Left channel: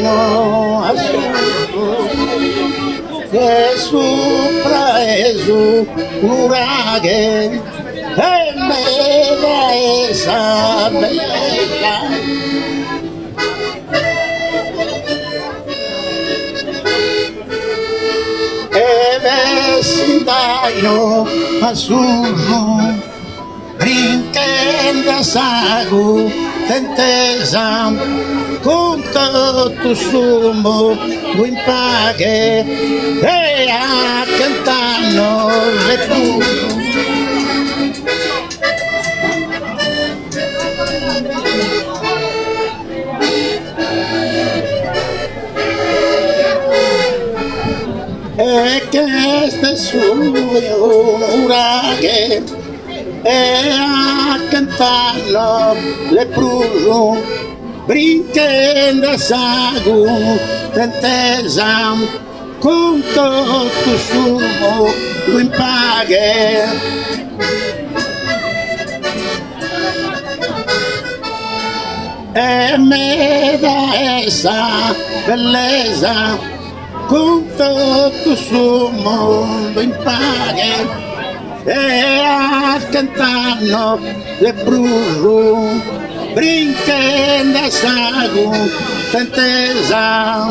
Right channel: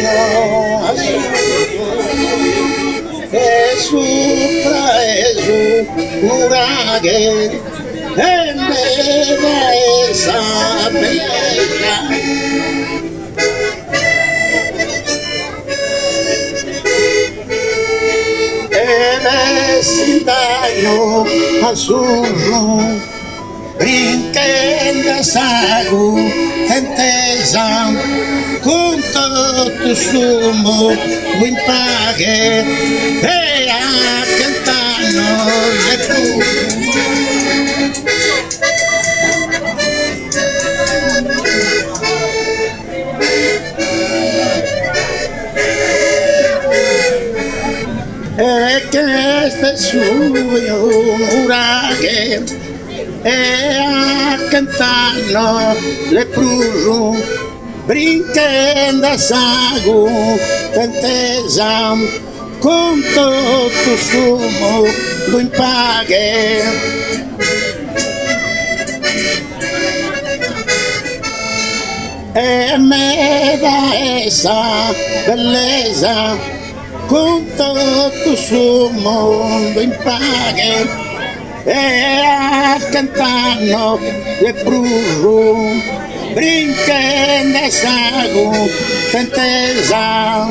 cielo azul che sopra è su uraghe e me da esa bella e vestitaio azzurro brinquedo sago tentesa con tutto sumo lo impaghe e a cantano le blu e che este suo uraghe e a cantarlo le pruso brinquedo sago tentesa con tutto sumo lo impaghe e me da essa bellezza con tutto sumo lo impaghe e a cantano le bruso brinquedo sago tentesa